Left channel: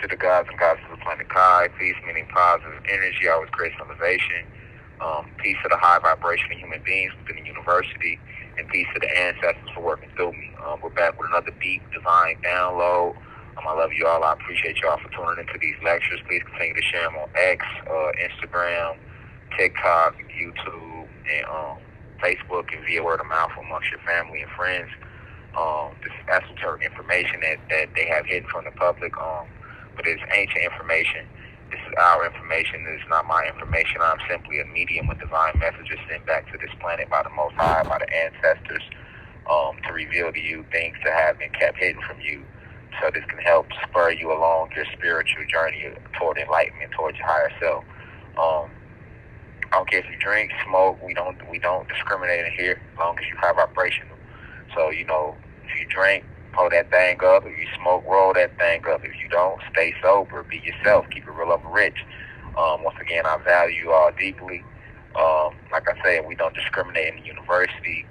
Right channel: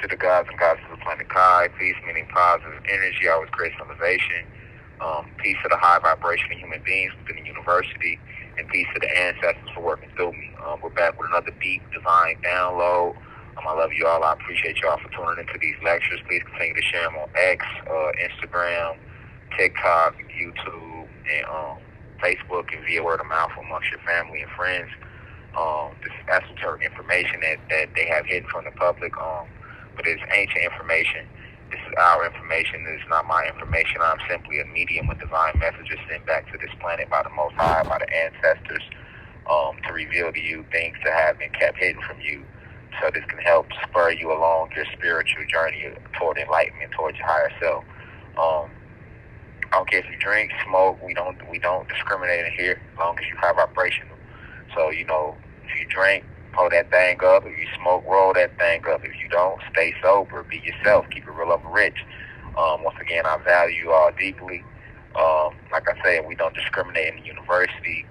to the gods and goddesses of the planet Kai. Peace, meaning positive energy, always creates elevation. Peace to the high vibration of human beings within the university, and peace to the ancestors for working through me. We're back with another deep, divine download. I love you all. I appreciate y'all for tuning into these lectures. Please continue to share them on X, Instagram, TikTok, YouTube, and Facebook, and via word of mouth amongst your family and friends. This is esoteric information that they have hidden from the public, but it's ancient information. This is our information. This is not my information. I'm simply a medium of divine messages sent back to this planet by the Most High, by the ancestors, to reveal to you things that have been kept hidden from you, so this can help spur you along your spiritual journey toward enlightenment, towards your higher self. I don't care if you drink, smoke. We don't discriminate in here, as long as you have vibration. So, if you drink, pull that thing up. If you smoke, roll that thing up. If you don't, stay sober. Be yourself. Keep it real up and rich. Once again, I value you all deeply. Like I said, we don't discriminate in the university,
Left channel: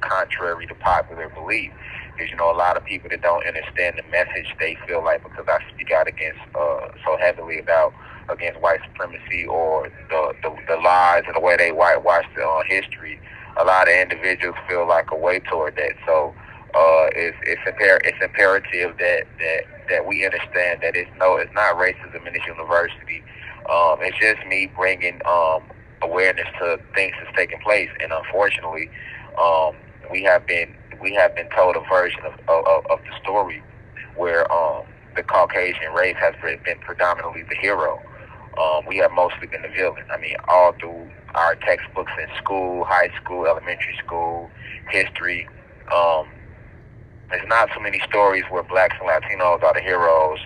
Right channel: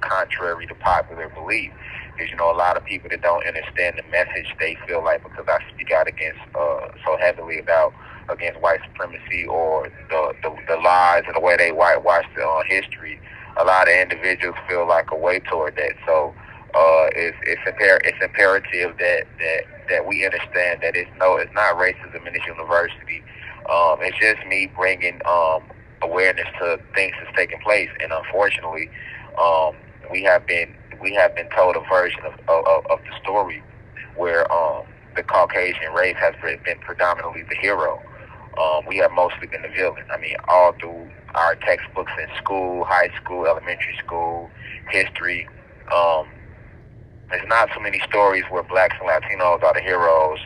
contrary to popular belief. Because, a lot of people that don't understand the message, they feel like because I speak out against so heavily against white supremacy or the lies and the way they whitewash the history, a lot of individuals feel like a way toward that. So it's imperative that we understand that it's not racism in this university. It's just me bringing awareness to things that's taking place, and unfortunately, we have been told a version of the story where the Caucasian race has been predominantly the hero. We have mostly been the villain. I mean, all through our textbooks in school, high school, elementary school, history. There's not so many stories where blacks and Latinos are the heroes.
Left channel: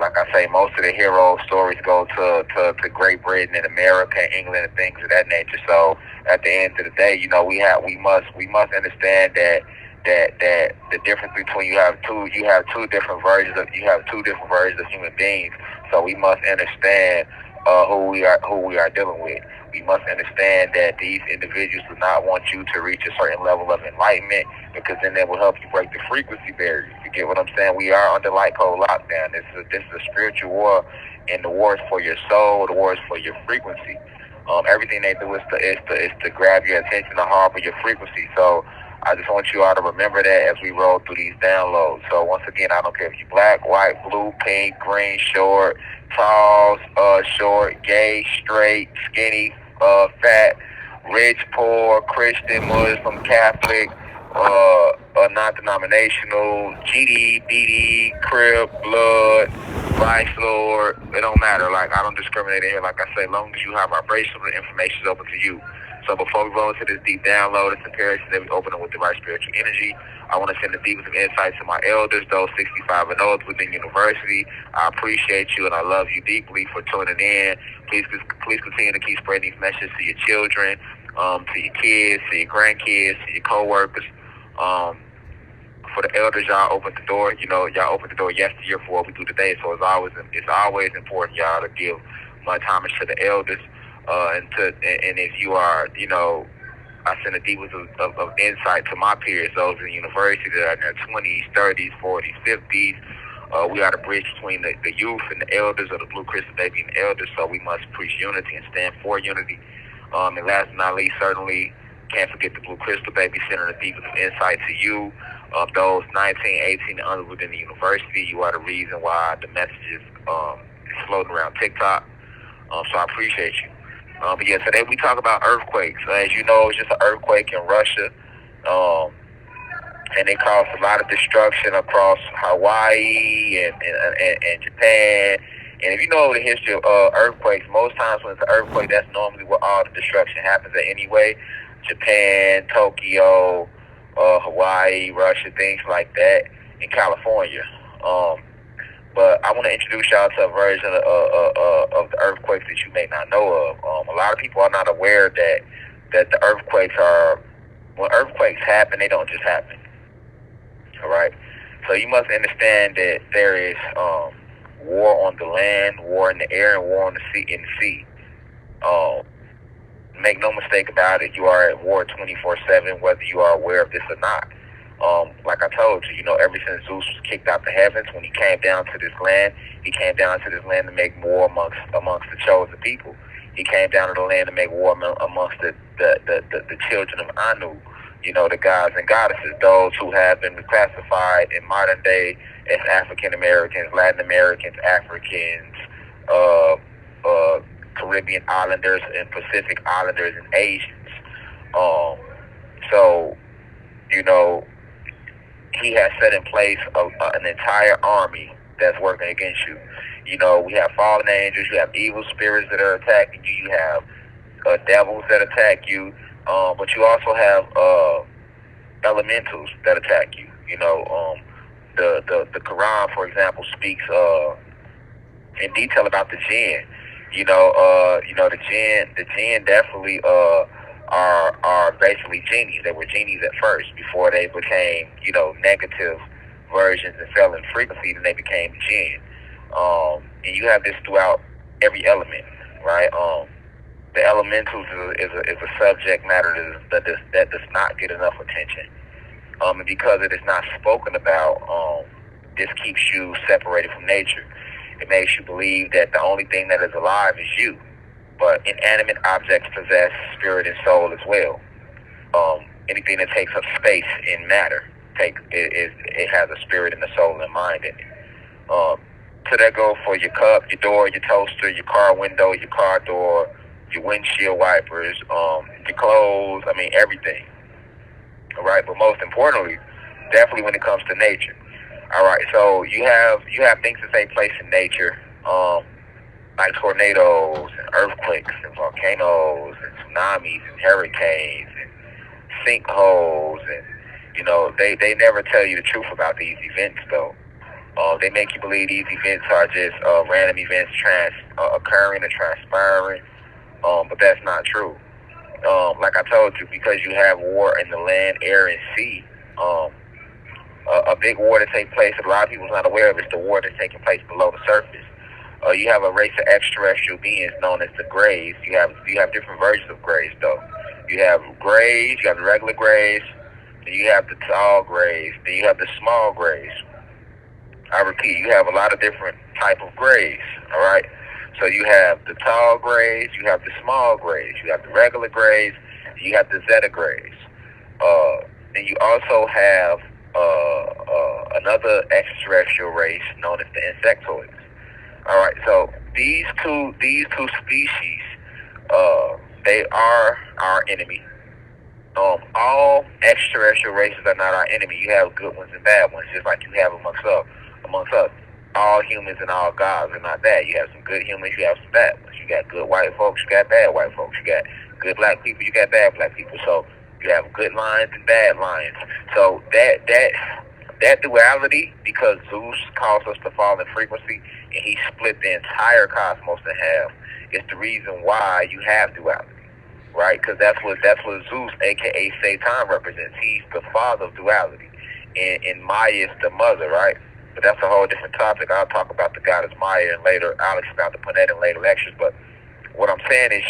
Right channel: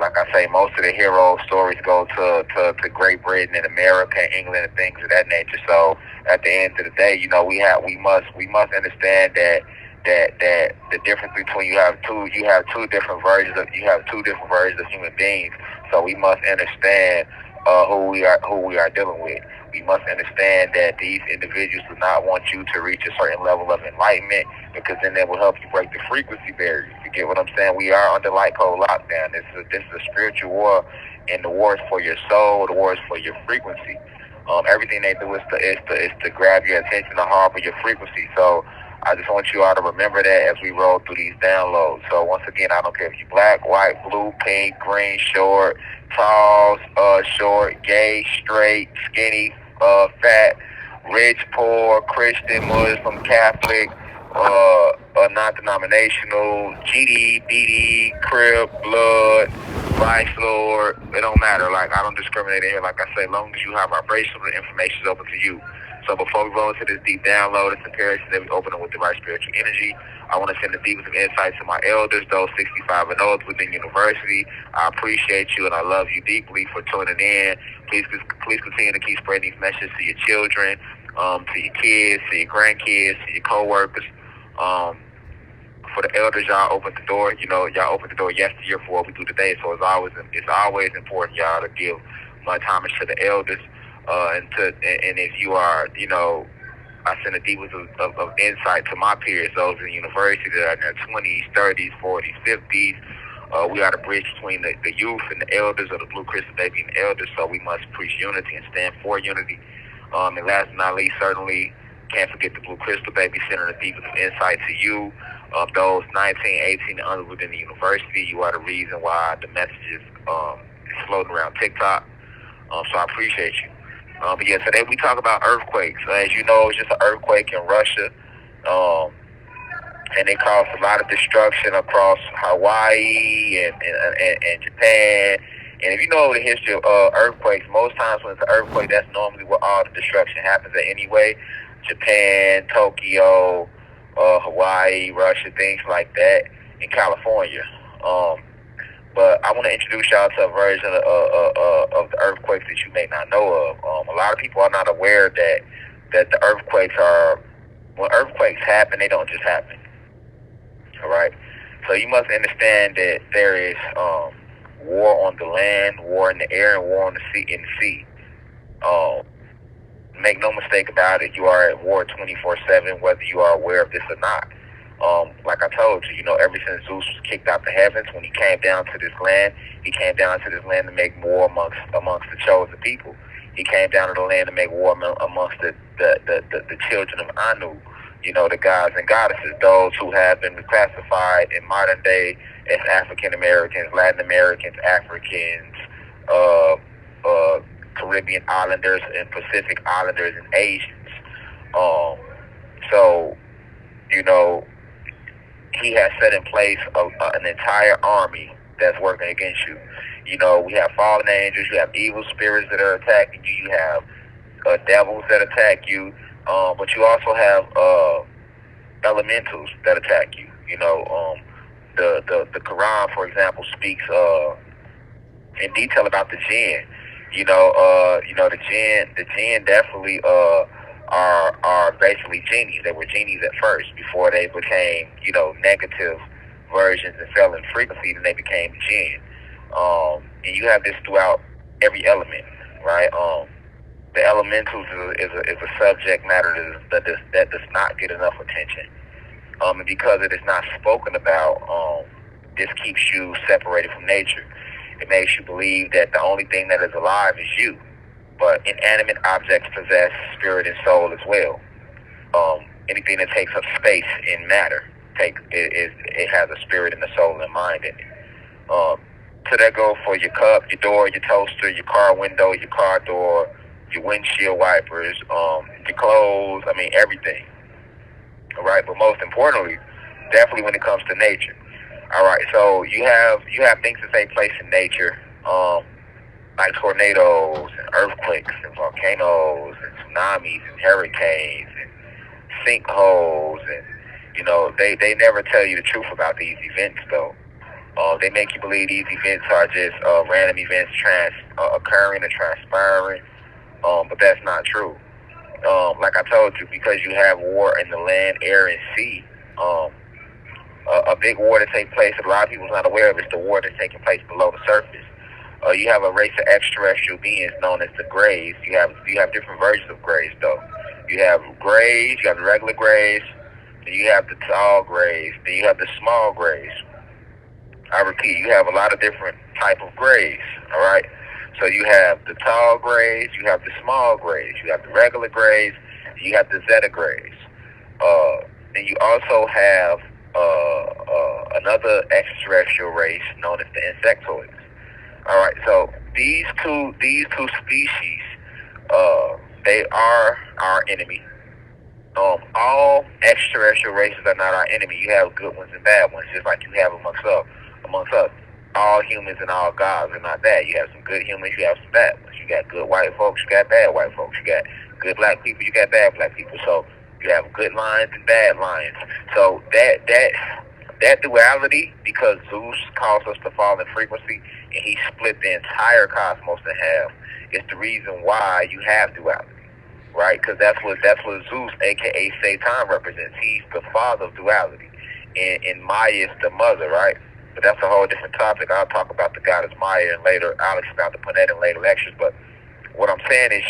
Like I say, most of the hero stories go to Great Britain and America, England, and things of that nature. So at the end of the day, we must understand that the difference between you have two different versions of human beings. So we must understand who we are dealing with. We must understand that these individuals do not want you to reach a certain level of enlightenment, because then that will help you break the frequency barrier. You get what I'm saying? We are under light code lockdown. This is a spiritual war, and the war is for your soul. The war is for your frequency. Everything they do is to grab your attention, to harbor your frequency. So I just want you all to remember that as we roll through these downloads. So once again, I don't care if you're black, white, blue, pink, green, short, tall, short, gay, straight, skinny, fat, rich, poor, Christian, Muslim, Catholic, non-denominational, GD, BD, Crip, Blood, Vice Lord. It don't matter. Like, I don't discriminate in here. Like I say, as long as you have vibration, the information is open to you. So before we roll into this deep download, it's imperative that we open it with the right spiritual energy. I want to send the deepest of insights to my elders, those 65 and older within university. I appreciate you and I love you deeply for tuning in. Please continue to keep spreading these messages to your children, to your kids, to your grandkids, to your co-workers. For the elders, y'all opened the door. Y'all opened the door yesterday for what we do today. So it's always important, y'all, to give my homage to the elders. And if you are, I send the deepest of insight to my peers, those in the university that are in their 20s, 30s, 40s, 50s. We are the bridge between the youth and the elders, or the Blue Crystal Baby and the elders, so we must preach unity and stand for unity. And last but not least, certainly can't forget the Blue Crystal Baby, sending the deepest of insight to you. Those 19, 18 and under within the university, you are the reason why the message is floating around TikTok. So I appreciate you. But yeah, today we talk about earthquakes. So as you know, it's just an earthquake in Russia. And they caused a lot of destruction across Hawaii and Japan. And if you know the history of earthquakes, most times when it's an earthquake, that's normally where all the destruction happens at anyway. Japan, Tokyo, Hawaii, Russia, things like that, in California. But I want to introduce y'all to a version of the earthquakes that you may not know of. A lot of people are not aware that the earthquakes when earthquakes happen, they don't just happen. All right? So you must understand that there is war on the land, war in the air, and war on the sea. Make no mistake about it, you are at war 24/7, whether you are aware of this or not. Like I told you, ever since Zeus was kicked out the heavens, when he came down to this land, He came down to this land to make war amongst the chosen people. He came down to the land to make war amongst the children of Anu, the gods and goddesses, those who have been classified in modern day as African Americans, Latin Americans, Africans, uh, Caribbean Islanders, and Pacific Islanders and Asians. So, he has set in place an entire army that's working against you. We have fallen angels, you have evil spirits that are attacking you, you have devils that attack you, but you also have elementals that attack you. The Quran, for example, speaks in detail about the jinn. The jinn definitely are basically genies. They were genies at first before they became, negative versions and fell in frequency, and they became jinn. And you have this throughout every element, right? The elementals is a subject matter that does not get enough attention. And because it is not spoken about, this keeps you separated from nature. It makes you believe that the only thing that is alive is you. But inanimate objects possess spirit and soul as well. Anything that takes up space in matter it has a spirit and a soul and mind in it. So that goes for your cup, your door, your toaster, your car window, your car door, your windshield wipers, your clothes. I mean everything. All right, but most importantly, definitely when it comes to nature. All right, so you have things that take place in nature, like tornadoes and earthquakes and volcanoes and tsunamis and hurricanes and sinkholes, and they never tell you the truth about these events though. They make you believe these events are just random events occurring and transpiring, but that's not true. Like I told you, because you have war in the land, air, and sea, a big war that takes place that a lot of people are not aware of is the war that's taking place below the surface. You have a race of extraterrestrial beings known as the Greys. You have different versions of Greys though. You have Greys, you have the regular Greys, and you have the tall Greys, then you have the small Greys. I repeat, you have a lot of different type of Greys. All right. So you have the tall Greys, you have the small Greys, you have the regular Greys, you have the Zeta Greys. And you also have another extraterrestrial race known as the Insectoids. All right, so these two species, they are our enemy. All extraterrestrial races are not our enemy. You have good ones and bad ones, just like you have amongst us. All humans and all gods are not bad. You have some good humans, you have some bad ones. You got good white folks, you got bad white folks. You got good black people, you got bad black people. So you have good lions and bad lions. So that duality, because Zeus caused us to fall in frequency, and he split the entire cosmos in half, is the reason why you have duality, right? Because that's what Zeus, aka Satan, represents. He's the father of duality, and Maya is the mother, right? But that's a whole different topic. I'll talk about the goddess Maya and later. I'll expound upon that in later lectures. But what I'm saying is,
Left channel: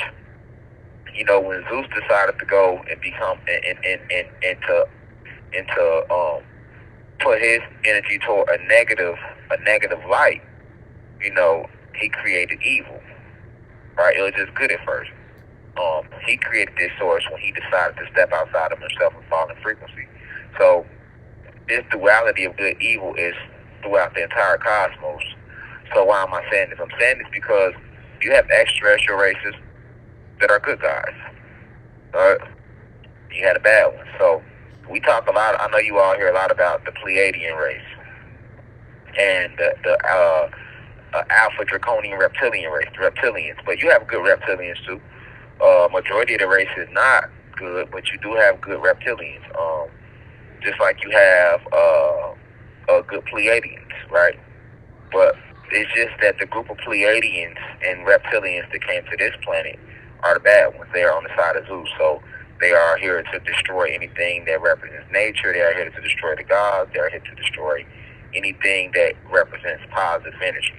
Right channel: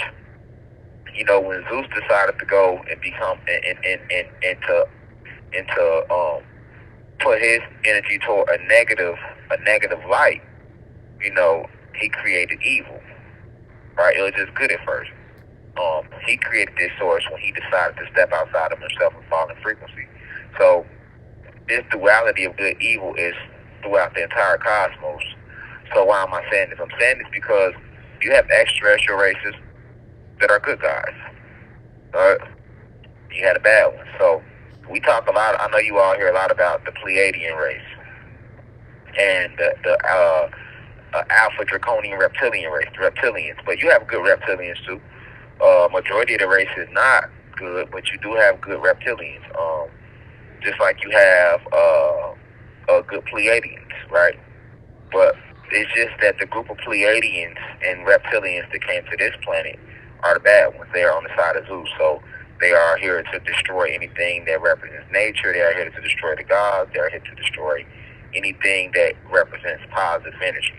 when Zeus decided to go and become into put his energy toward a negative light, he created evil, right? It was just good at first. He created this source when he decided to step outside of himself and fall in frequency. So this duality of good evil is throughout the entire cosmos. So why am I saying this? I'm saying this because you have extraterrestrial races that are good guys. Right? You had a bad one. So we talk a lot. I know you all hear a lot about the Pleiadian race and the Alpha Draconian reptilian race, the reptilians. But you have good reptilians too. Majority of the race is not good, but you do have good reptilians. Just like you have good Pleiadians, right? But it's just that the group of Pleiadians and reptilians that came to this planet are the bad ones. They are on the side of Zeus. So they are here to destroy anything that represents nature. They are here to destroy the gods. They are here to destroy anything that represents positive energy.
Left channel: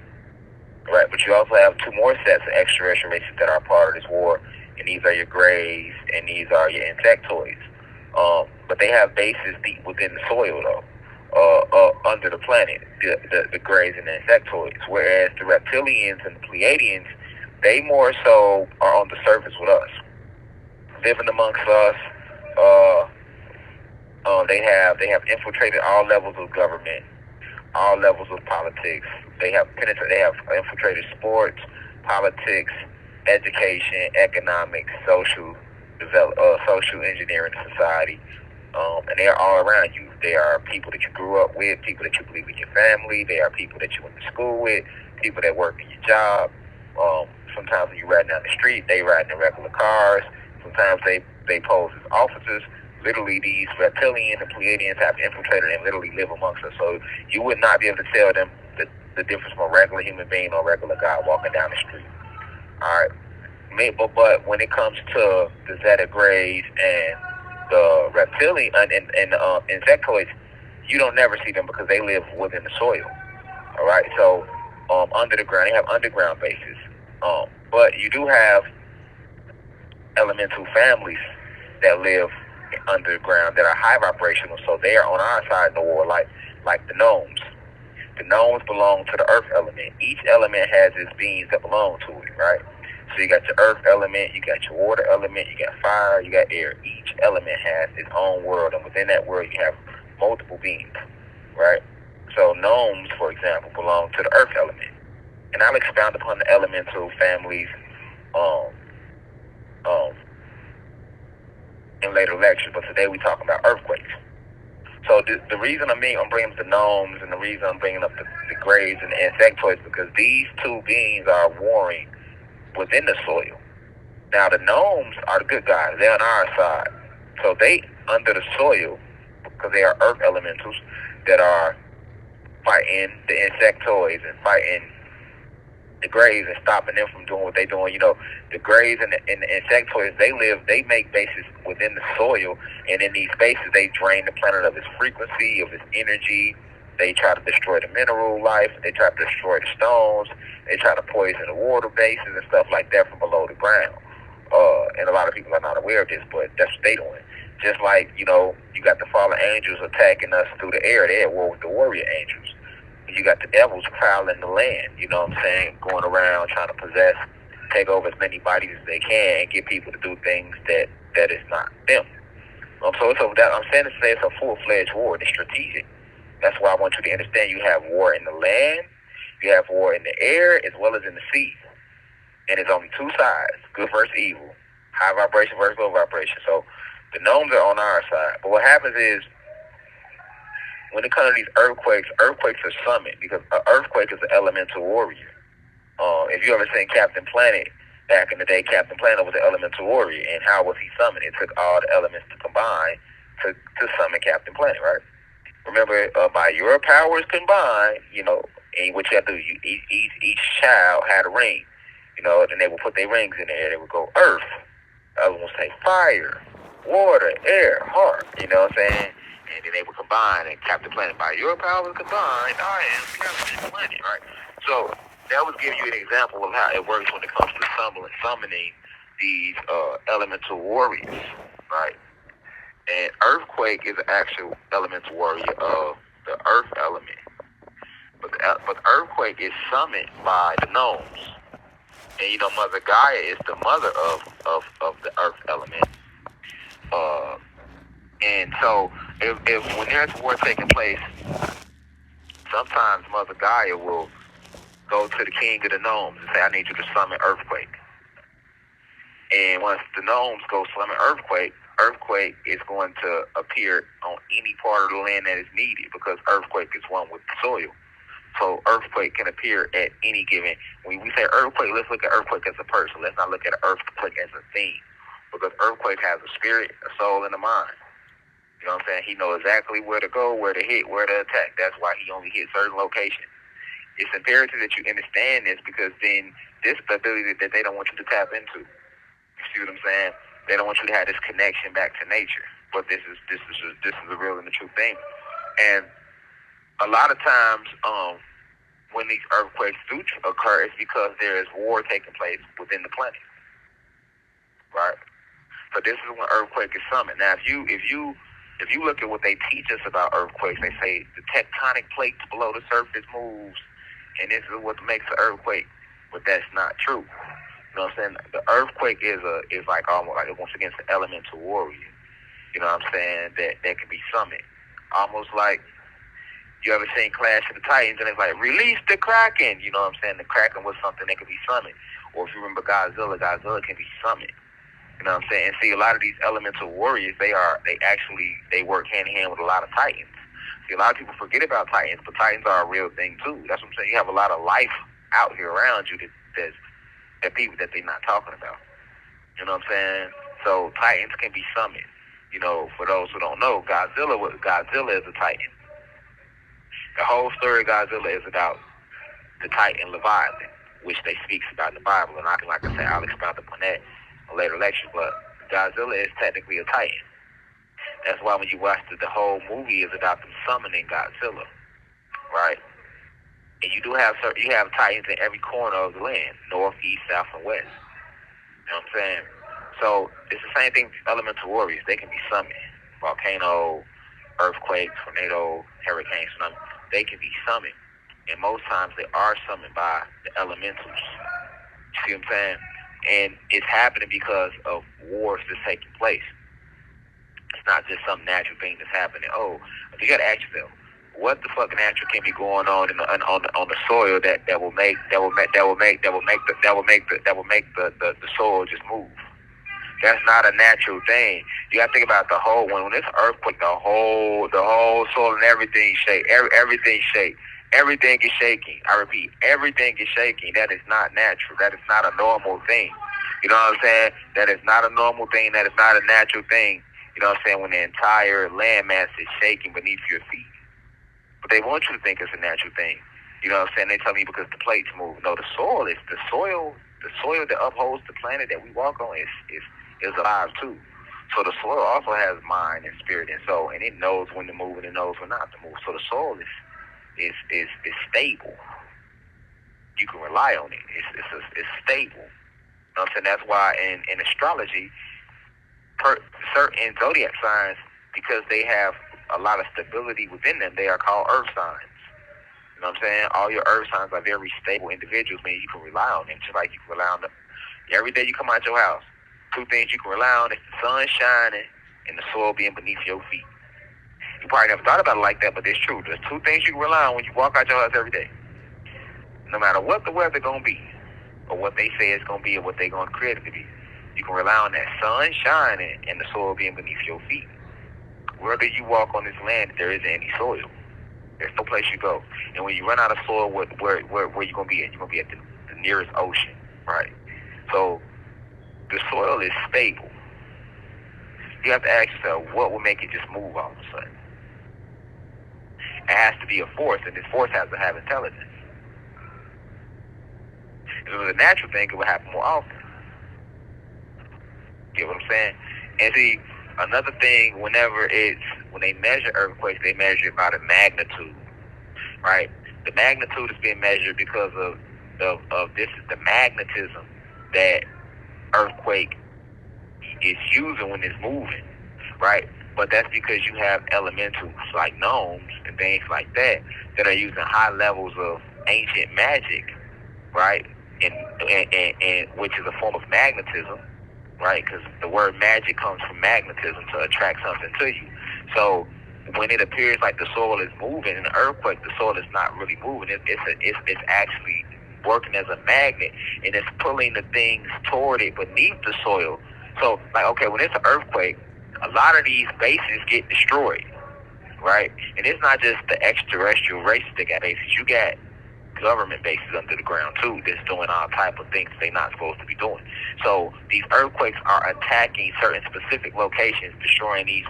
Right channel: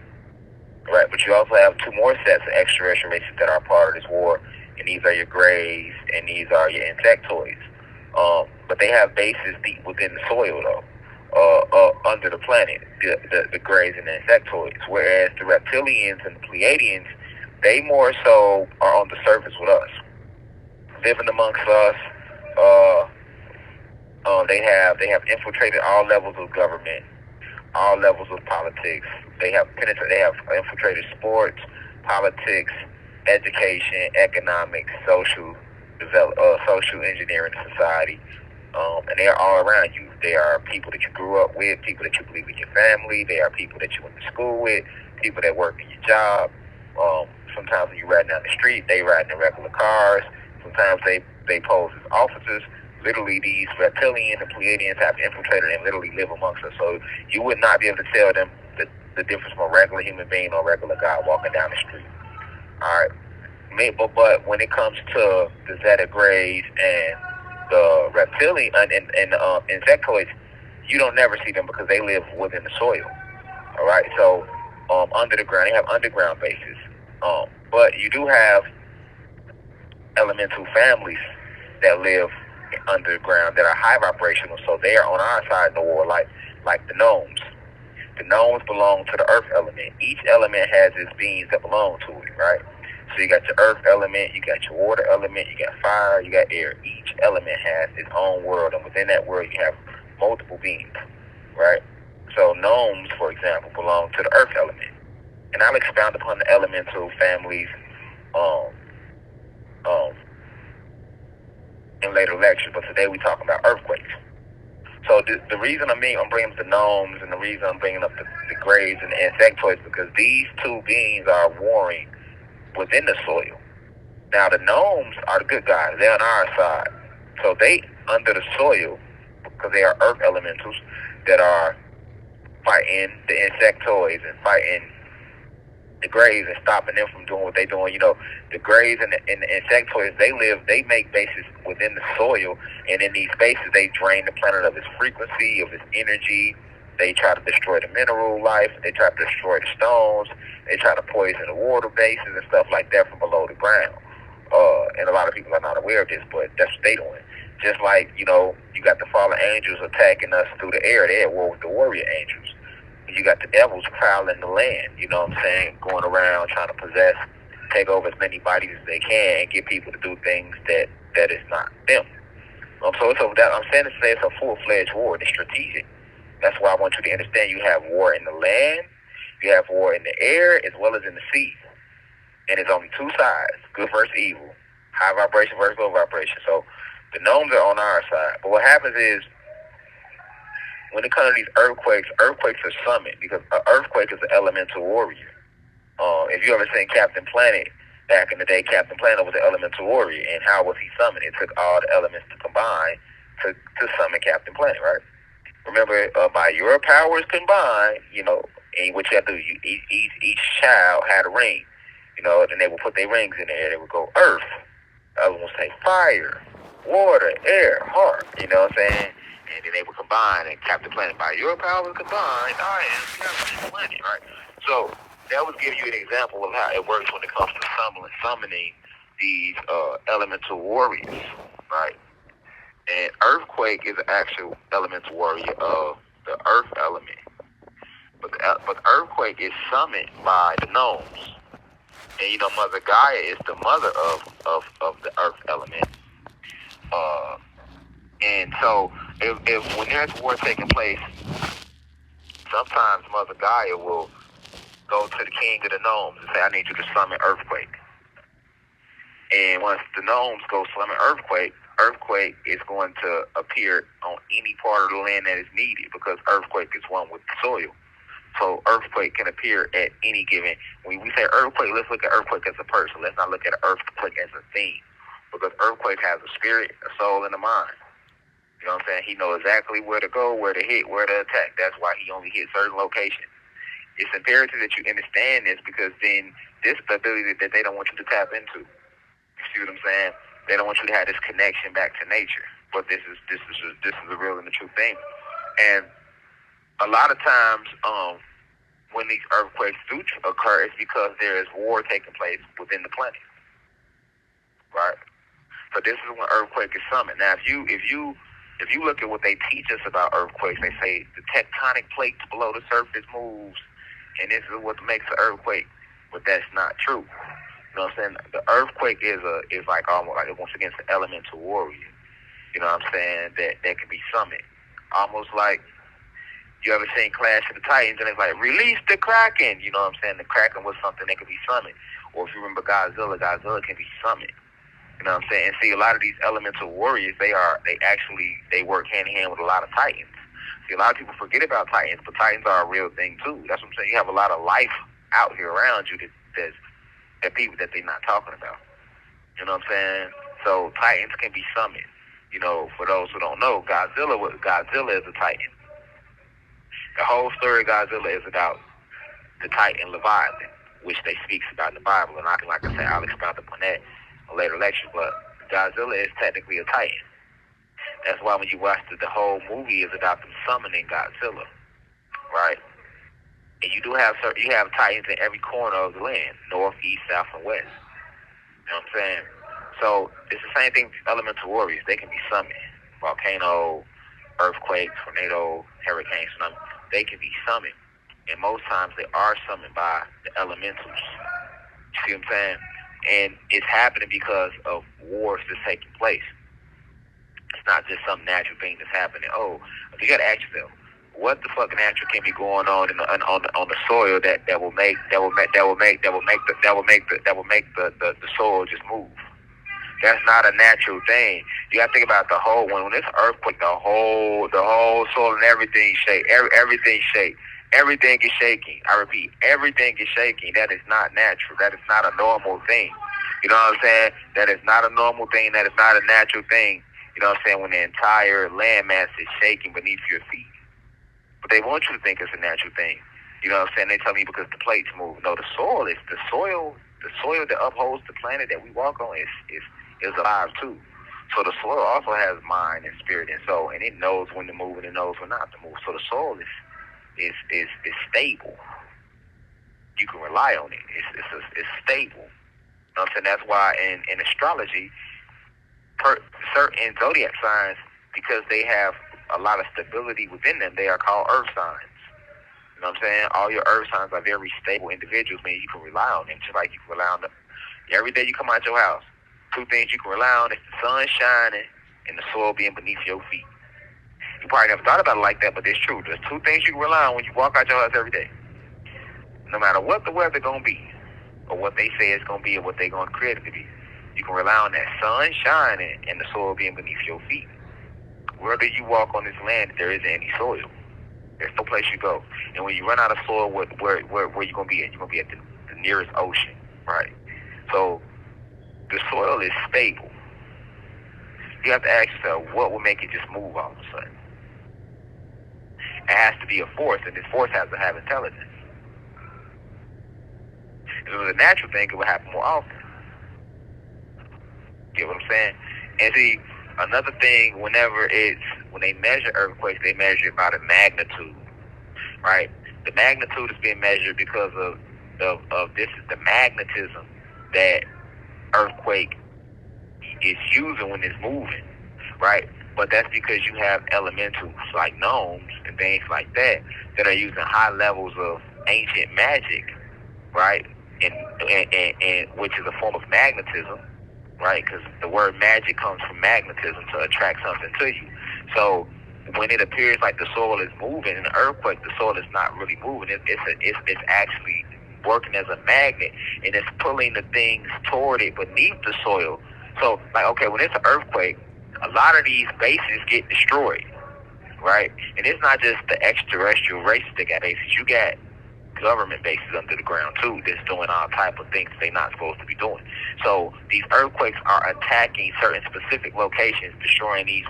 Right? But you also have two more sets of extraterrestrial races that are part of this war, and these are your Greys, and these are your Insectoids. But they have bases deep within the soil, though, under the planet. The Greys Greys and the Insectoids, whereas the Reptilians and the Pleiadians, they more so are on the surface with us, living amongst us. They have infiltrated all levels of government, all levels of politics. They have infiltrated sports, politics, education, economics, social engineering, society, and they are all around you. They are people that you grew up with, people that you believe in your family. They are people that you went to school with, people that work in your job. Sometimes when you ride down the street, they ride in regular cars. Sometimes they pose as officers. Literally, these reptilians and Pleiadians have infiltrated and literally live amongst us. So you would not be able to tell them the difference from a regular human being or a regular guy walking down the street. All right. But when it comes to the Zeta Greys and the reptilian and insectoids, you don't never see them because they live within the soil. All right. So under the ground, they have underground bases. But you do have elemental families that live underground that are high vibrational, so they are on our side of the war, like the gnomes. The gnomes belong to the earth element. Each element has its beings that belong to it, right? So you got your earth element, you got your water element, you got fire, you got air. Each element has its own world, and within that world you have multiple beings, right? So gnomes, for example, belong to the earth element. And I'll expound upon the elemental families in later lectures, but today we're talking about earthquakes. So the reason I'm bringing up the gnomes and the reason I'm bringing up the Greys and the insectoids, because these two beings are warring within the soil. Now the gnomes are the good guys. They're on our side. So they under the soil, because they are earth elementals that are fighting the insectoids and fighting the Greys and stopping them from doing what they're doing. You know, the Greys and the insectoids, they make bases within the soil, and in these spaces they drain the planet of its frequency, of its energy. They try to destroy the mineral life. They try to destroy the stones. They try to poison the water bases and stuff like that from below the ground. And a lot of people are not aware of this, but that's what they doing. Just like, you know, you got the fallen angels attacking us through the air. They're at war with the warrior angels. You got the devils prowling the land, you know what I'm saying, going around trying to possess, take over as many bodies as they can and get people to do things that is not them. So that I'm saying it's a full-fledged war. It's strategic. That's why I want you to understand you have war in the land, you have war in the air, as well as in the sea. And it's only two sides, good versus evil, high vibration versus low vibration. So the gnomes are on our side. But what happens is, when it comes to these earthquakes are summoned, because an earthquake is an elemental warrior. If you ever seen Captain Planet, back in the day, Captain Planet was an elemental warrior, and how was he summoned? It took all the elements to combine to summon Captain Planet, right? Remember, by your powers combined, you know, and what you have to do, each child had a ring, you know, and they would put their rings in there. They would go earth, other ones say fire, water, air, heart, you know what I'm saying? And then they would combine and tap the planet. By your powers combined, I am Captain Planet, right? So that would give you an example of how it works when it comes to summoning these elemental warriors, right? And earthquake is an actual elemental warrior of the earth element, but earthquake is summoned by the gnomes, and you know Mother Gaia is the mother of the earth element. And so if when there's war taking place, sometimes Mother Gaia will go to the king of the gnomes and say, I need you to summon earthquake. And once the gnomes go summon earthquake is going to appear on any part of the land that is needed, because earthquake is one with the soil. So earthquake can appear at any given. When we say earthquake, let's look at earthquake as a person. Let's not look at earthquake as a thing, because earthquake has a spirit, a soul, and a mind. You know what I'm saying? He knows exactly where to go, where to hit, where to attack. That's why he only hits certain locations. It's imperative that you understand this, because then this is the ability that they don't want you to tap into. You see what I'm saying? They don't want you to have this connection back to nature. But this is the real and the true thing. And a lot of times, when these earthquakes do occur, it's because there is war taking place within the planet, right? So this is when earthquake is summoned. Now, if you look at what they teach us about earthquakes, they say the tectonic plates below the surface moves And this is what makes an earthquake, but that's not true. You know what I'm saying? The earthquake is like almost like, once again, it's an elemental warrior. You know what I'm saying? That can be summoned. Almost like, you ever seen Clash of the Titans and it's like, release the Kraken. You know what I'm saying? The Kraken was something that could be summoned. Or if you remember Godzilla can be summoned. You know what I'm saying? And see, a lot of these elemental warriors, they work hand in hand with a lot of Titans. See, a lot of people forget about Titans, but Titans are a real thing too. That's what I'm saying. You have a lot of life out here around you that people that they're not talking about. You know what I'm saying? So Titans can be summoned. You know, for those who don't know, Godzilla is a Titan. The whole story of Godzilla is about the Titan Leviathan, which they speaks about in the Bible. And like I said, I'll expound upon that in later lectures. But Godzilla is technically a Titan. That's why when you watch the whole movie is about them summoning Godzilla, right? And you have Titans in every corner of the land, north, east, south, and west. You know what I'm saying? So it's the same thing with elemental warriors. They can be summoned. Volcano, earthquakes, tornado, hurricanes, tsunami. They can be summoned. And most times they are summoned by the elementals. You see what I'm saying? And it's happening because of wars that's taking place. It's not just some natural thing that's happening. Oh, you gotta ask yourself, what the fucking natural can be going on on the soil that will make the soil just move? That's not a natural thing. You gotta think about the whole when it's earthquake, the whole soil and everything shake. Everything shake. Everything is shaking. I repeat, everything is shaking. That is not natural. That is not a normal thing. You know what I'm saying? That is not a normal thing. That is not a natural thing. You know what I'm saying? When the entire landmass is shaking beneath your feet. But they want you to think it's a natural thing. You know what I'm saying? They tell me because the plates move. No, the soil that upholds the planet that we walk on is alive too. So the soil also has mind and spirit and soul, and it knows when to move and it knows when not to move. So the soil is stable. You can rely on it. It's stable. You know what I'm saying? That's why in astrology, certain zodiac signs, because they have a lot of stability within them, they are called earth signs. You know what I'm saying? All your earth signs are very stable individuals, man. You can rely on them, just like you can rely on them. Every day you come out your house, two things you can rely on is the sun shining and the soil being beneath your feet. You probably never thought about it like that, but it's true. There's two things you can rely on when you walk out your house every day. No matter what the weather going to be, or what they say it's going to be, or what they're going to create it to be, you can rely on that sun shining and the soil being beneath your feet. Wherever you walk on this land, there isn't any soil. There's no place you go. And when you run out of soil, where you going to be at? You're going to be at the nearest ocean, right? So the soil is stable. You have to ask yourself, what will make it just move all of a sudden? It has to be a force, and this force has to have intelligence. If it was a natural thing, it would happen more often. Get what I'm saying? And see, another thing, when they measure earthquakes, they measure it by the magnitude, right? The magnitude is being measured because of this is the magnetism that earthquake is using when it's moving, right? But that's because you have elementals like gnomes and things like that are using high levels of ancient magic, right? And which is a form of magnetism, right? Because the word magic comes from magnetism, to attract something to you. So when it appears like the soil is moving in an earthquake, the soil is not really moving. It's actually working as a magnet, and it's pulling the things toward it beneath the soil. So, like, okay, when it's an earthquake, a lot of these bases get destroyed, right? And it's not just the extraterrestrial races that got bases. You got government bases under the ground too that's doing all type of things they're not supposed to be doing. So these earthquakes are attacking certain specific locations, destroying these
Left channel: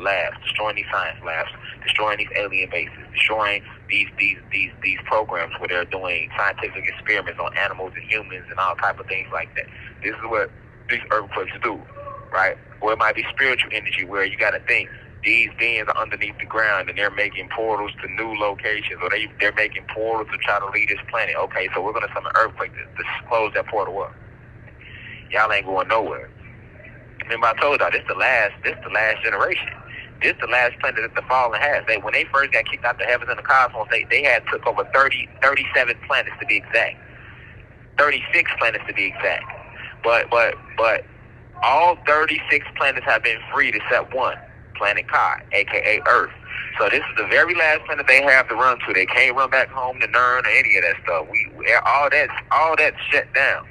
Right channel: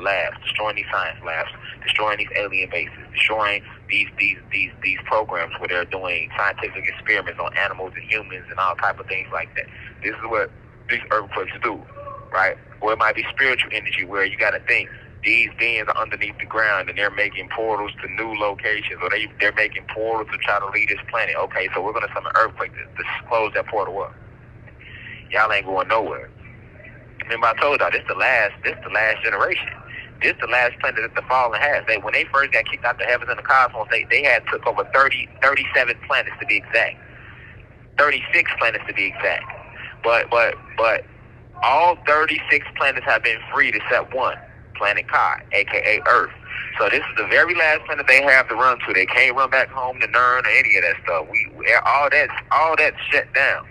labs, destroying these science labs, destroying these alien bases, destroying these programs where they're doing scientific experiments on animals and humans and all type of things like that. This is what these earthquakes do, right? Or it might be spiritual energy, where you got to think these beings are underneath the ground and they're making portals to new locations, or they're making portals to try to leave this planet. Okay, so we're going to summon an earthquake to close that portal up. Y'all ain't going nowhere. Remember I told y'all, this the last generation. this the last planet that the fallen has. When they first got kicked out the heavens and the cosmos, they had took over 37 planets to be exact. 36 planets to be exact. But all 36 planets have been freed except one, planet Kai, aka Earth. So this is the very last planet they have to run to. They can't run back home to Nern or any of that stuff. All that's shut down.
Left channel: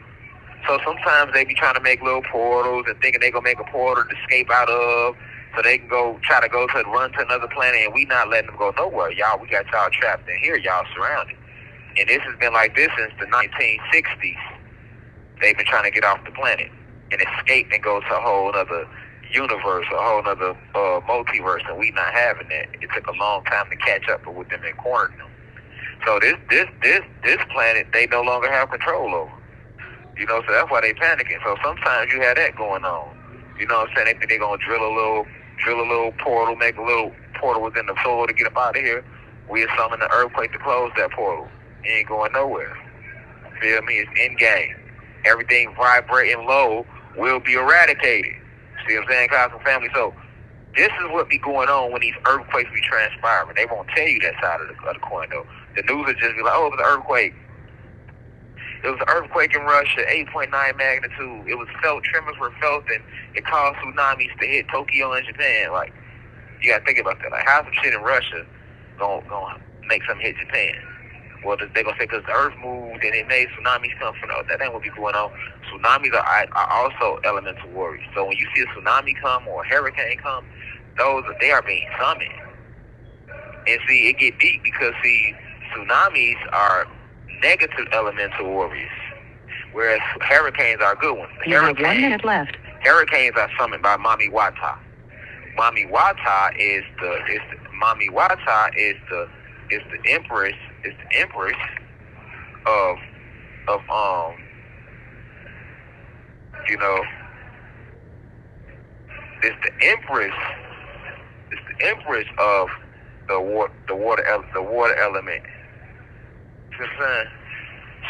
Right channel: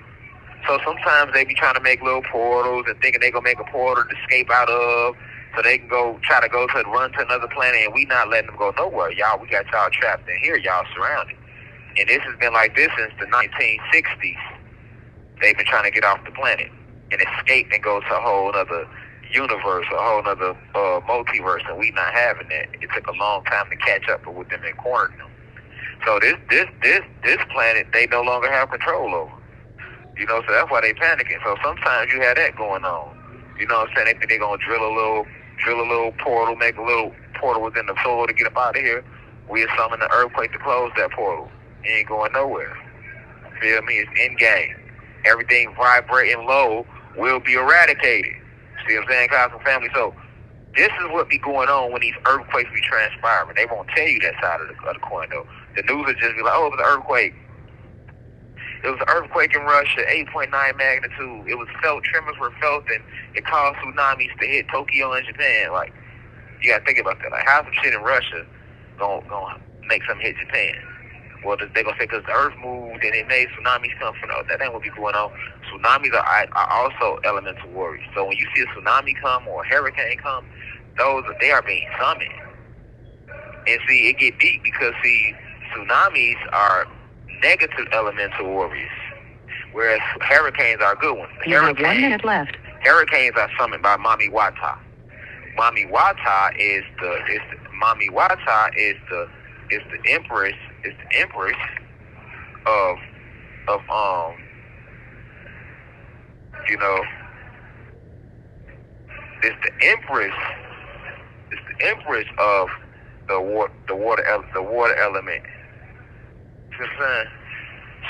So sometimes they be trying to make little portals and thinking they gonna make a portal to escape out of, so they can run to another planet, and we not letting them go nowhere. Y'all, we got y'all trapped in here. Y'all surrounded. And this has been like this since the 1960s. They've been trying to get off the planet and escape and go to a whole other universe, a whole other multiverse, and we not having that. It took a long time to catch up with them and corner them. So this planet they no longer have control over. You know, so that's why they panicking. So sometimes you have that going on. You know what I'm saying? They think they're gonna drill a little portal, make a little portal within the soil to get up out of here. We summon the earthquake to close that portal. It ain't going nowhere. Feel me? It's in game. Everything vibrating low will be eradicated. See what I'm saying, Cosmic Family? So this is what be going on when these earthquakes be transpiring. They won't tell you that side of the coin, though. The news will just be like, oh, it was an earthquake. It was an earthquake in Russia, 8.9 magnitude. It was felt, tremors were felt, and it caused tsunamis to hit Tokyo and Japan. Like, you gotta think about that. Like, how's some shit in Russia gonna make something hit Japan? Well, they gonna say because the earth moved and it made tsunamis come from. That ain't what be going on. Tsunamis are also elemental warriors. So when you see a tsunami come or a hurricane come, they are being summoned. And see, it get deep because tsunamis are negative elemental warriors, whereas hurricanes are good ones. You have 1 minute left. Hurricanes are summoned by Mami Wata. Mami Wata is the empress. It's the empress of you know. It's the empress of the water element.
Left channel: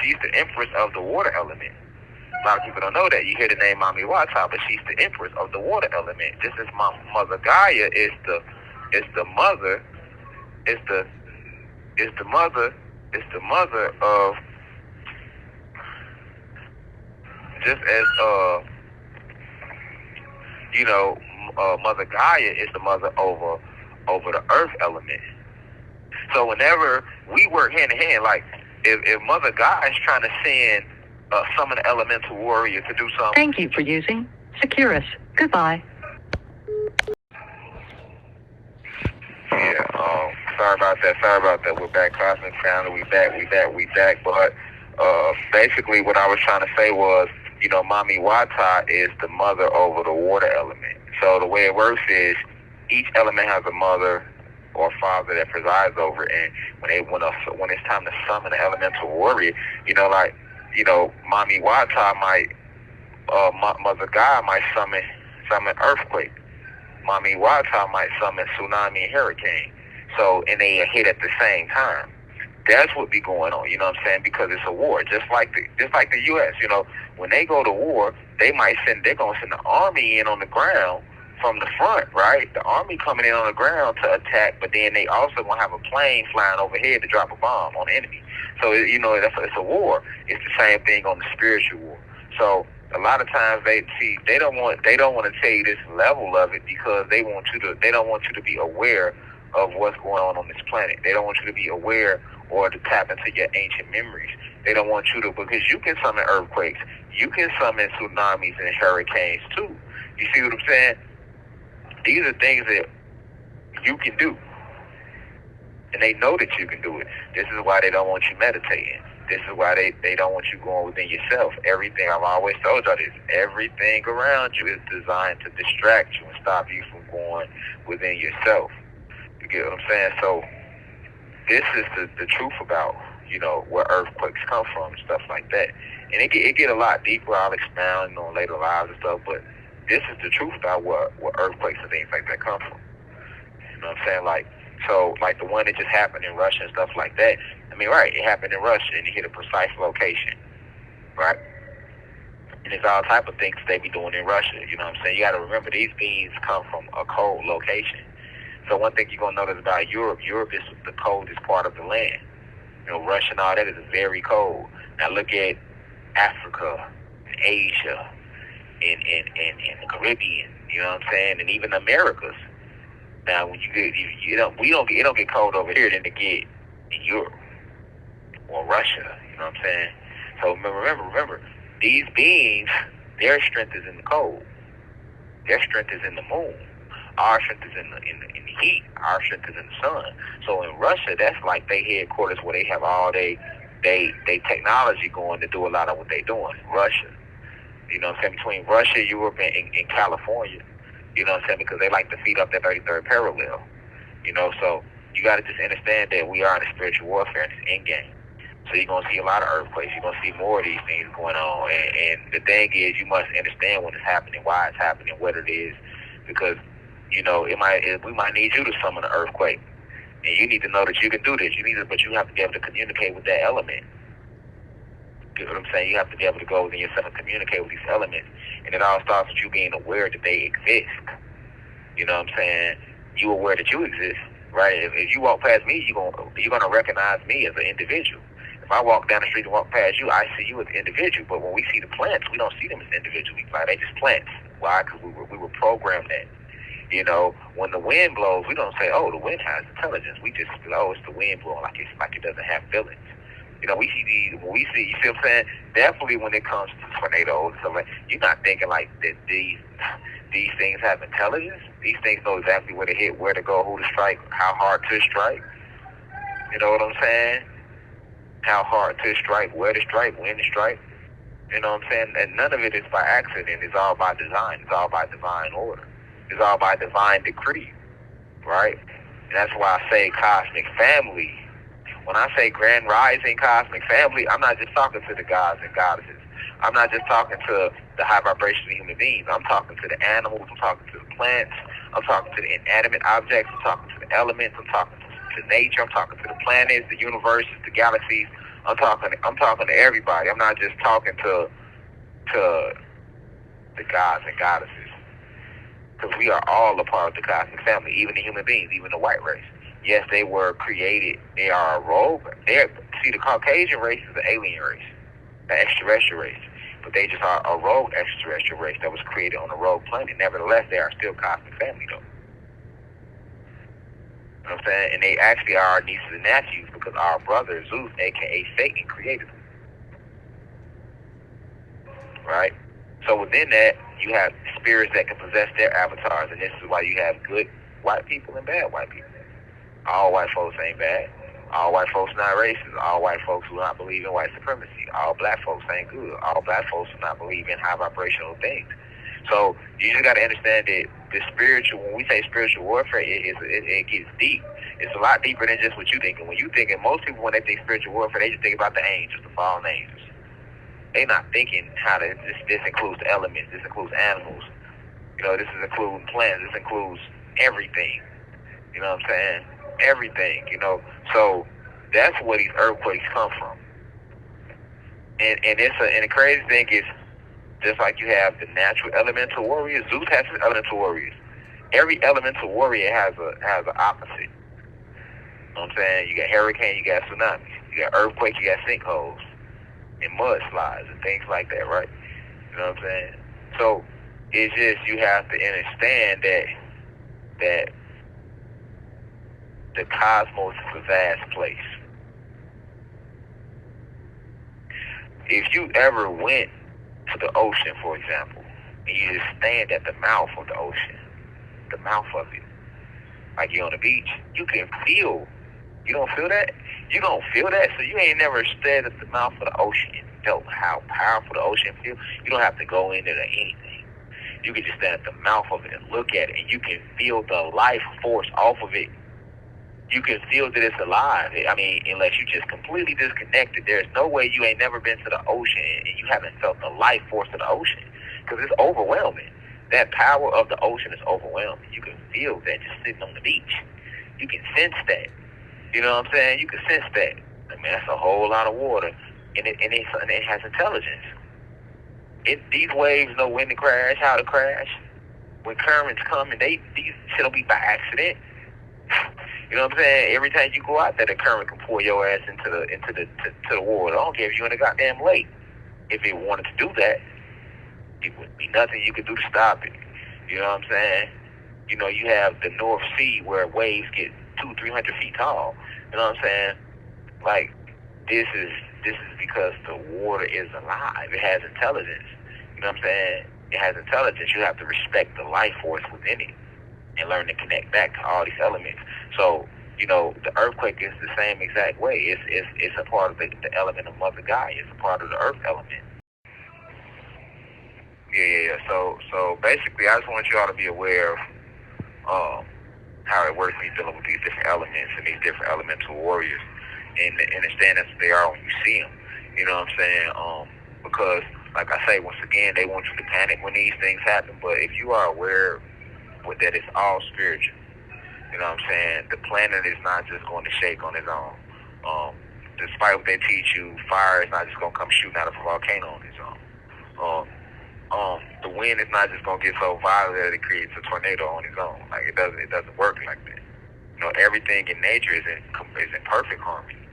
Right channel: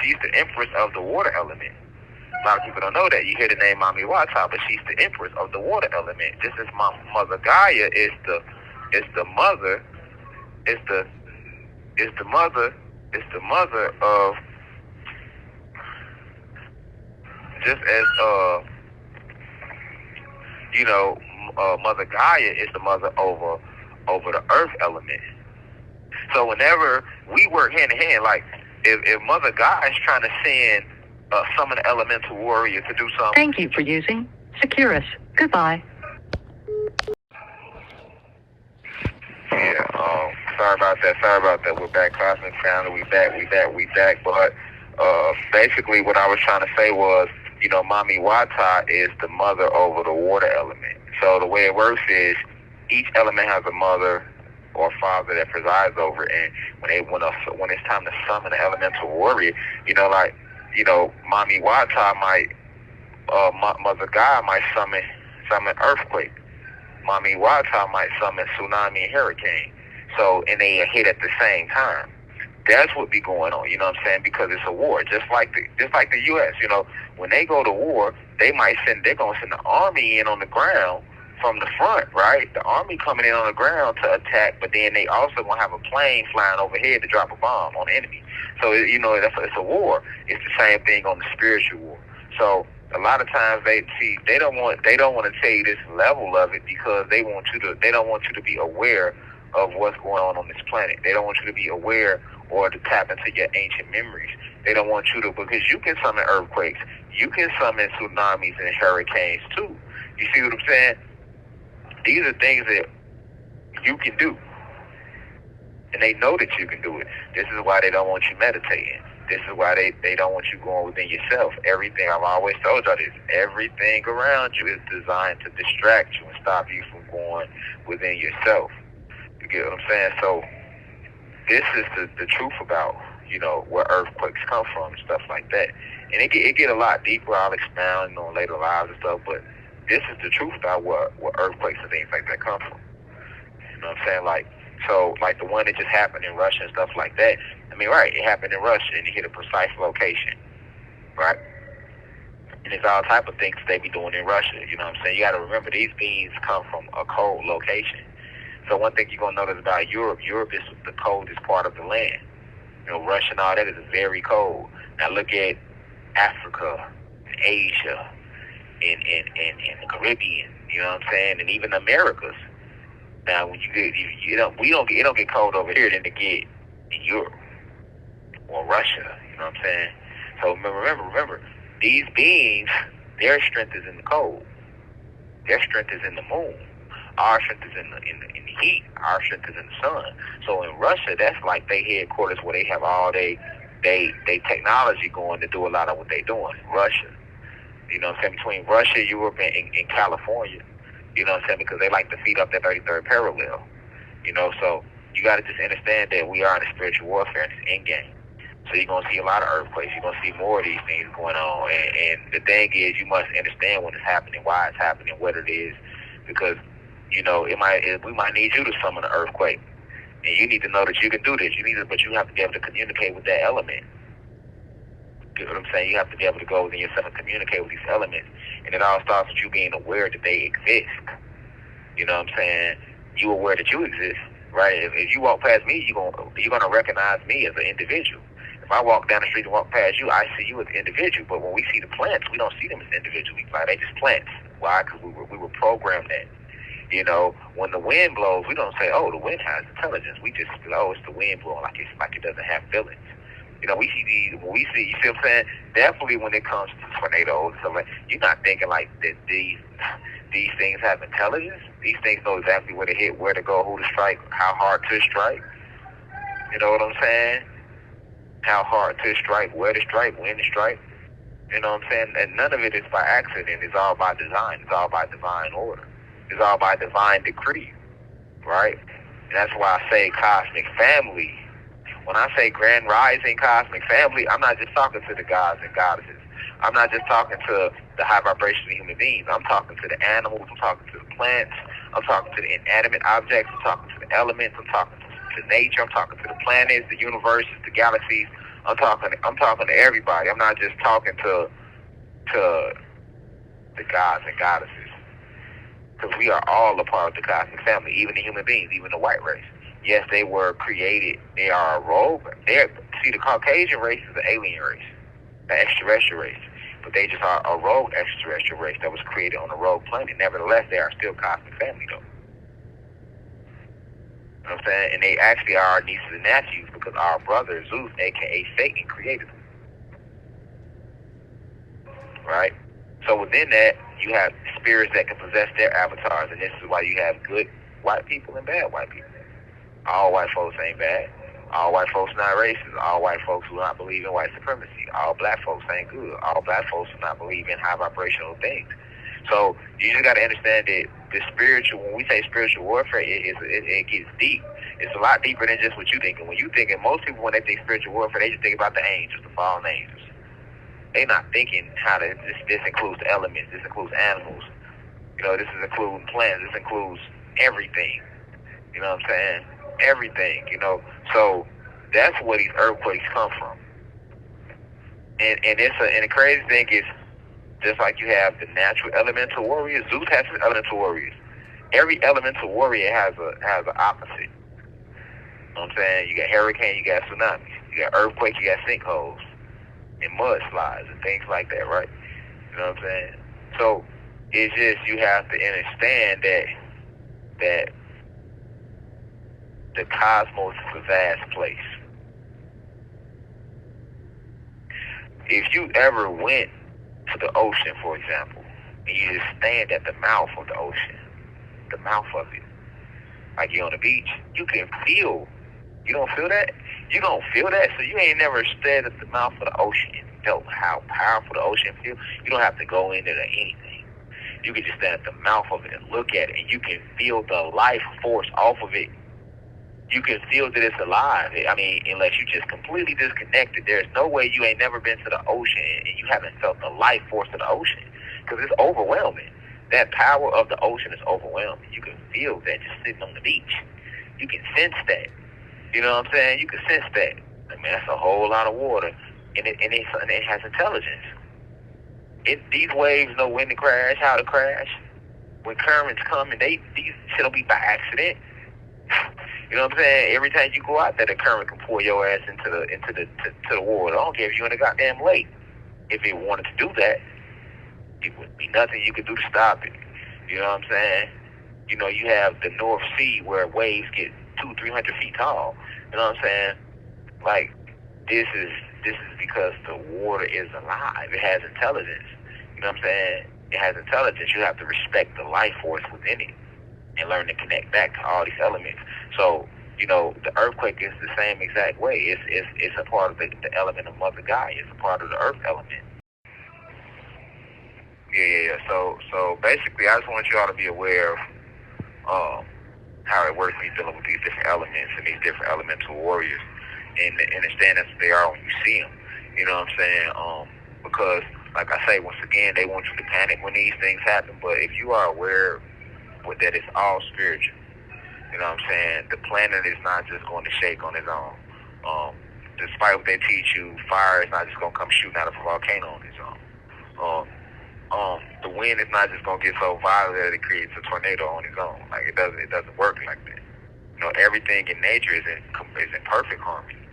She's the empress of the water element. A lot of people don't know that. You hear the name Mami Wata, but she's the empress of the water element. Just as my mother Gaia is the mother of, just as Mother Gaia is the mother over the earth element. So whenever we work hand in hand, like if Mother Gaia is trying to send some of the elemental warrior to do something. Thank you for using Securus. Goodbye. Yeah, sorry about that. We're back, Cosmic Family. We back. But basically what I was trying to say was, Mami Wata is the mother over the water element. So the way it works is each element has a mother or father that presides over it, and when it's time to summon an elemental warrior, Mami Wata might, Mother God might summon earthquake. Mami Wata might summon tsunami and hurricane. So, and they hit at the same time. That's what be going on, you know what I'm saying? Because it's a war, just like the U.S. When they go to war, they're gonna send the army in on the ground from the front, right? The army coming in on the ground to attack, but then they also gonna have a plane flying overhead to drop a bomb on the enemy. So it's a war. It's the same thing on the spiritual war. So a lot of times they don't want to tell you this level of it because they don't want you to be aware of what's going on this planet. They don't want you to be aware or to tap into your ancient memories. They don't want you to, because you can summon earthquakes, you can summon tsunamis and hurricanes too. You see what I'm saying? These are things that you can do. And they know that you can do it. This is why they don't want you meditating. This is why they don't want you going within yourself. Everything, I've always told y'all this, everything around you is designed to distract you and stop you from going within yourself. You get what I'm saying? So this is the truth about, where earthquakes come from and stuff like that. And it get a lot deeper. I'll expound on later lives and stuff, but this is the truth about where earthquakes and things like that come from. You know what I'm saying? Like the one that just happened in Russia and stuff like that. I mean, right, it happened in Russia and it hit a precise location, right? And there's all type of things they be doing in Russia, you know what I'm saying? You got to remember, these beings come from a cold location. So one thing you're going to notice about Europe is the coldest part of the land. Russia and all that is very cold. Now look at Africa, and Asia, and the Caribbean, you know what I'm saying, and even the Americas. Now when it don't get cold over here than it get in Europe or Russia, you know what I'm saying? So remember, these beings, their strength is in the cold. Their strength is in the moon. Our strength is in the heat. Our strength is in the sun. So in Russia, that's like their headquarters where they have all they technology going to do a lot of what they're doing. Russia, you know what I'm saying, between Russia, Europe, and California, you know what I'm saying, because they like to feed up that 33rd parallel. So you got to just understand that we are in a spiritual warfare in this end game. So you're going to see a lot of earthquakes. You're going to see more of these things going on. And the thing is, you must understand when it's happening, why it's happening, what it is, because we might need you to summon an earthquake, and you need to know that you can do this. But you have to be able to communicate with that element. You know what I'm saying? You have to be able to go within yourself and communicate with these elements, and it all starts with you being aware that they exist. You know what I'm saying? You aware that you exist, right? If you walk past me, you're gonna recognize me as an individual. If I walk down the street and walk past you, I see you as an individual. But when we see the plants, we don't see them as individuals. Like, they just plants. Why? Because we were programmed that. When the wind blows, we don't say, "Oh, the wind has intelligence." We just say, "Oh, it's the wind blowing," like it doesn't have feelings. We see these. When we see, you see what I'm saying? Definitely, when it comes to tornadoes and stuff like, you're not thinking like that. These things have intelligence. These things know exactly where to hit, where to go, who to strike, how hard to strike. You know what I'm saying? How hard to strike, where to strike, when to strike. You know what I'm saying? And none of it is by accident. It's all by design. It's all by divine order. It's all by divine decree, right? And that's why I say cosmic family. When I say grand rising cosmic family, I'm not just talking to the gods and goddesses. I'm not just talking to the high vibration of human beings. I'm talking to the animals. I'm talking to the plants. I'm talking to the inanimate objects. I'm talking to the elements. I'm talking to nature. I'm talking to the planets, the universes, the galaxies. I'm talking to everybody. I'm not just talking to the gods and goddesses. Because we are all a part of the cosmic family, even the human beings, even the white race. Yes, they were created. They are a rogue. See, the Caucasian race is an alien race, an extraterrestrial race. But they just are a rogue extraterrestrial race that was created on a rogue planet. Nevertheless, they are still cosmic family, though. You know what I'm saying? And they actually are our nieces and nephews because our brother, Zeus, a.k.a. Satan, created them. Right? So within that, you have spirits that can possess their avatars. And this is why you have good white people and bad white people. All white folks ain't bad. All white folks not racist. All white folks do not believe in white supremacy. All black folks ain't good. All black folks do not believe in high vibrational things. So you just got to understand that the spiritual, when we say spiritual warfare, it gets deep. It's a lot deeper than just what you thinking. When you thinking, most people, when they think spiritual warfare, they just think about the angels, the fallen angels. They not thinking how this includes elements, this includes animals. This is including plants, this includes everything. You know what I'm saying? Everything, So that's where these earthquakes come from. And the crazy thing is, just like you have the natural elemental warriors, Zeus has his elemental warriors. Every elemental warrior has an opposite. You know what I'm saying? You got hurricane, you got tsunami, you got earthquake, you got sinkholes, and mudslides and things like that, right? You know what I'm saying? So it's just, you have to understand that the cosmos is a vast place. If you ever went to the ocean, for example, and you just stand at the mouth of the ocean, the mouth of it, like you're on the beach, you can feel. You don't feel that? You don't feel that? So you ain't never stood at the mouth of the ocean and felt how powerful the ocean feels? You don't have to go in there or anything. You can just stand at the mouth of it and look at it, and you can feel the life force off of it. You can feel that it's alive. I mean, unless you just completely disconnected, there's no way you ain't never been to the ocean and you haven't felt the life force of the ocean, because it's overwhelming. That power of the ocean is overwhelming. You can feel that just sitting on the beach. You can sense that. You know what I'm saying? You can sense that. I mean, that's a whole lot of water, and it has intelligence. These waves know when to crash, how to crash. When currents come, and these shit'll be by accident. You know what I'm saying? Every time you go out there, the current can pull your ass into the water. I don't care if you're in a goddamn lake. If it wanted to do that, it would be nothing you could do to stop it. You know what I'm saying? You know, you have the North Sea where waves get 200-300 feet tall. You know what I'm saying? Like, this is because the water is alive. It has intelligence. You know what I'm saying? It has intelligence. You have to respect the life force within it and learn to connect back to all these elements. So, you know, the earthquake is the same exact way. It's a part of the element of Mother Gaia. It's a part of the earth element. Yeah. So basically, I just want you all to be aware of how it works when you're dealing with these different elements and these different elemental warriors, and understand that they are when you see them. You know what I'm saying? Because, like I say, once again, they want you to panic when these things happen. But if you are aware that it's all spiritual, you know what I'm saying? The planet is not just going to shake on its own. Despite what they teach you, fire is not just going to come shooting out of a volcano on its own. The wind is not just going to get so violent that it creates a tornado on its own. Like, it doesn't work like that. You know, everything in nature is in perfect harmony.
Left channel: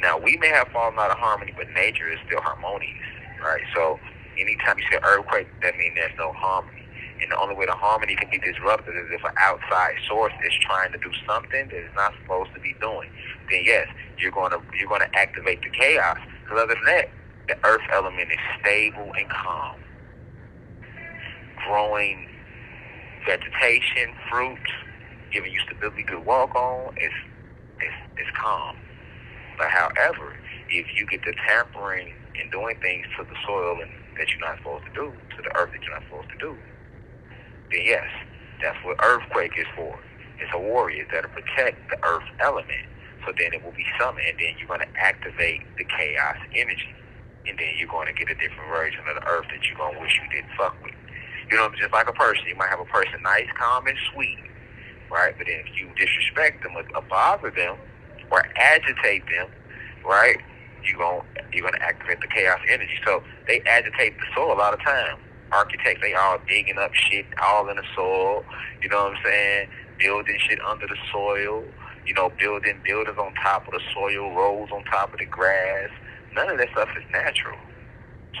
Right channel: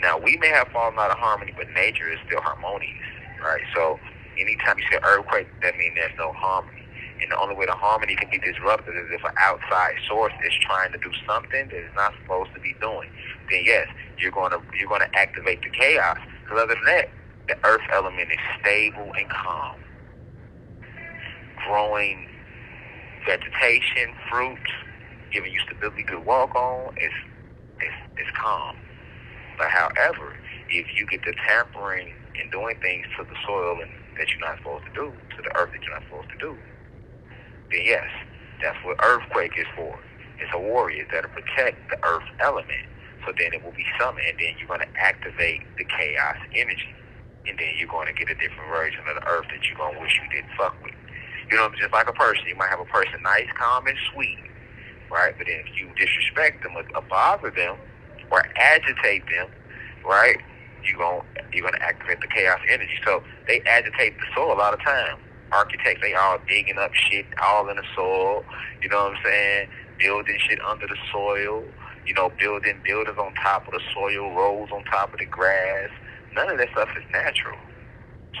Now, we may have fallen out of harmony, but nature is still harmonious, right? So anytime you say earthquake, that means there's no harmony. And the only way the harmony can be disrupted is if an outside source is trying to do something that it's not supposed to be doing. Then yes, you're going to activate the chaos. Because other than that, the earth element is stable and calm. Growing vegetation, fruits, giving you stability to walk on, it's calm. But however, if you get to tampering and doing things to the soil that you're not supposed to do, to the earth that you're not supposed to do, then yes, that's what earthquake is for. It's a warrior that'll protect the earth element. So then it will be summoned, and then you're going to activate the chaos energy. And then you're going to get a different version of the earth that you're going to wish you didn't fuck with. You know, just like a person, you might have a person nice, calm, and sweet, right? But then if you disrespect them or bother them or agitate them, right, you're gonna activate the chaos energy. So they agitate the soil a lot of times. Architects, they all digging up shit all in the soil. You know what I'm saying? Building shit under the soil. You know, buildings on top of the soil, roads on top of the grass. None of that stuff is natural.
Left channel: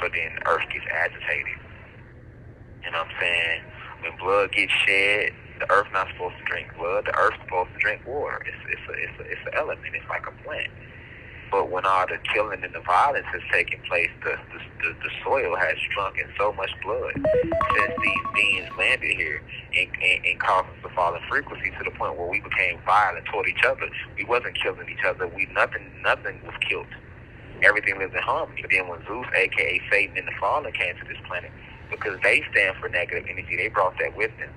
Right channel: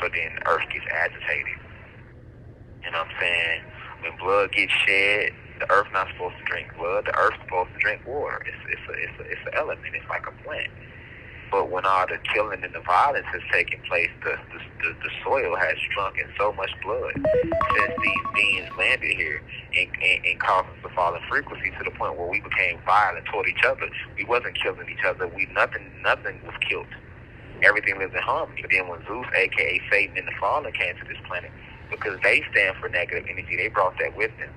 So then the earth gets agitated. You know what I'm saying? When blood gets shed, the earth not supposed to drink blood. The earth's supposed to drink water. It's an element. It's like a plant. But when all the killing and the violence has taken place, the soil has drunk in so much blood since these beings landed here and caused us to fall in frequency to the point where we became violent toward each other. We wasn't killing each other. Nothing was killed. Everything lives in harmony. But then when Zeus, aka Satan, and the Fallen came to this planet, because they stand for negative energy, they brought that with them,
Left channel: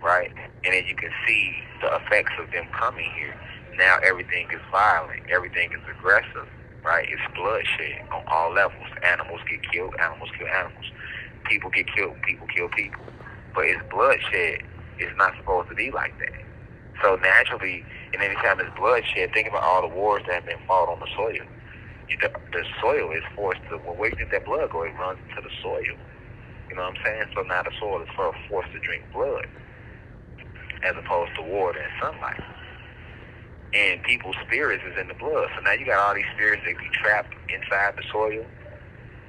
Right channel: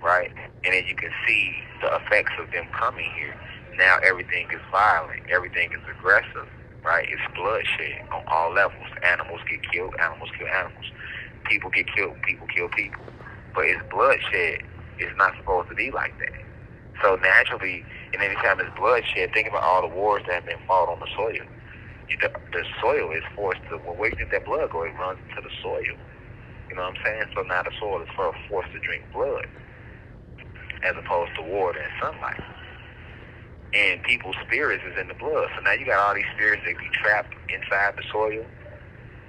right? And then you can see the effects of them coming here. Now everything is violent, everything is aggressive, right? It's bloodshed on all levels. Animals get killed, animals kill animals. People get killed, people kill people. But it's bloodshed. It's not supposed to be like that. So naturally, and anytime it's bloodshed, think about all the wars that have been fought on the soil. The soil is forced to, well, where do you think that blood go? It runs into the soil. You know what I'm saying? So now the soil is forced to drink blood as opposed to water and sunlight. And people's spirits is in the blood. So now you got all these spirits that be trapped inside the soil.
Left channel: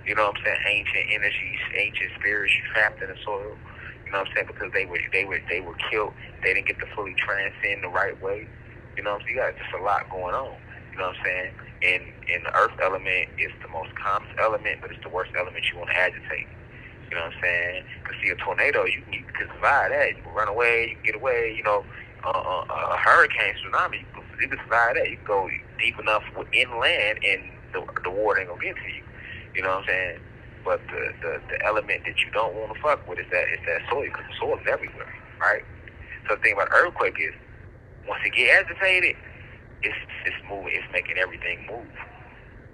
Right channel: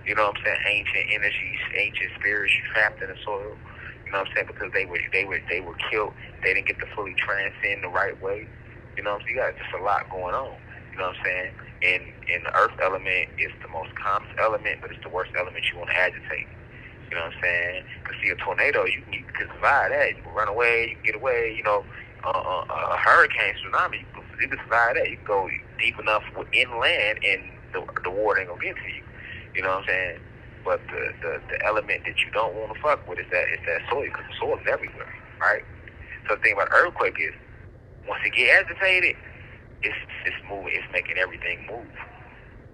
You know what I'm saying? Ancient energies, ancient spirits trapped in the soil. You know what I'm saying? Because they were killed. They didn't get to fully transcend the right way. You know what I'm saying? You got just a lot going on. You know what I'm saying? And the earth element is the most calmest element, but it's the worst element you want to agitate. You know what I'm saying? Because see, a tornado, you can survive that. You can run away, you can get away. You know, a hurricane, tsunami, you can survive that. You can go deep enough inland, and the water ain't gonna get to you. You know what I'm saying? But the element that you don't want to fuck with is that soil, because the soil is everywhere, right? So the thing about earthquake is, once it get agitated, it's moving, it's making everything move.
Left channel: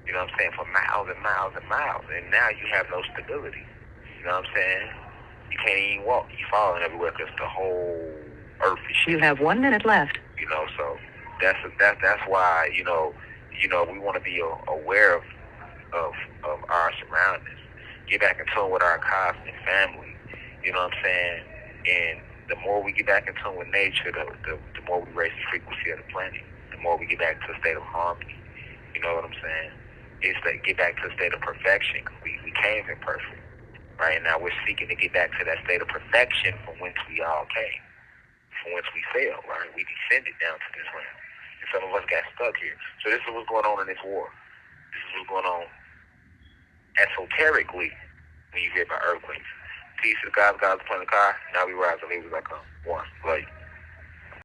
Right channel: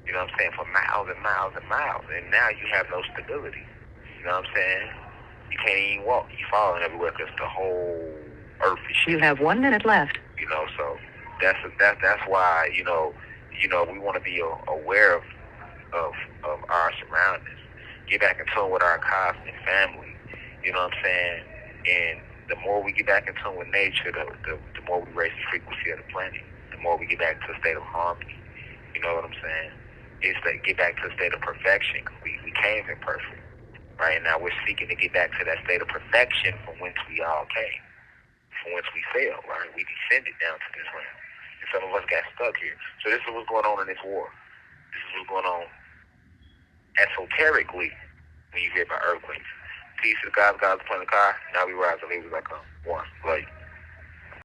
You know what I'm saying? For miles and miles and miles, and now you have no stability. You know what I'm saying? You can't even walk. You're falling everywhere because the whole earth is shit. You have 1 minute left. You know, so that's why we want to be aware of our surroundings. Get back in tune with our cosmic family. You know what I'm saying? And the more we get back in tune with nature, the more we raise the frequency of the planet. The more we get back to a state of harmony. You know what I'm saying? It's to get back to a state of perfection. We came imperfect, right? Now we're seeking to get back to that state of perfection from whence we all came, from whence we fell, right? We descended down to this land. And some of us got stuck here. So this is what's going on in this war. This is what's going on esoterically when you hear about earthquakes. Peace to God, God's planet car. Now we rise and leave as I come. One. Like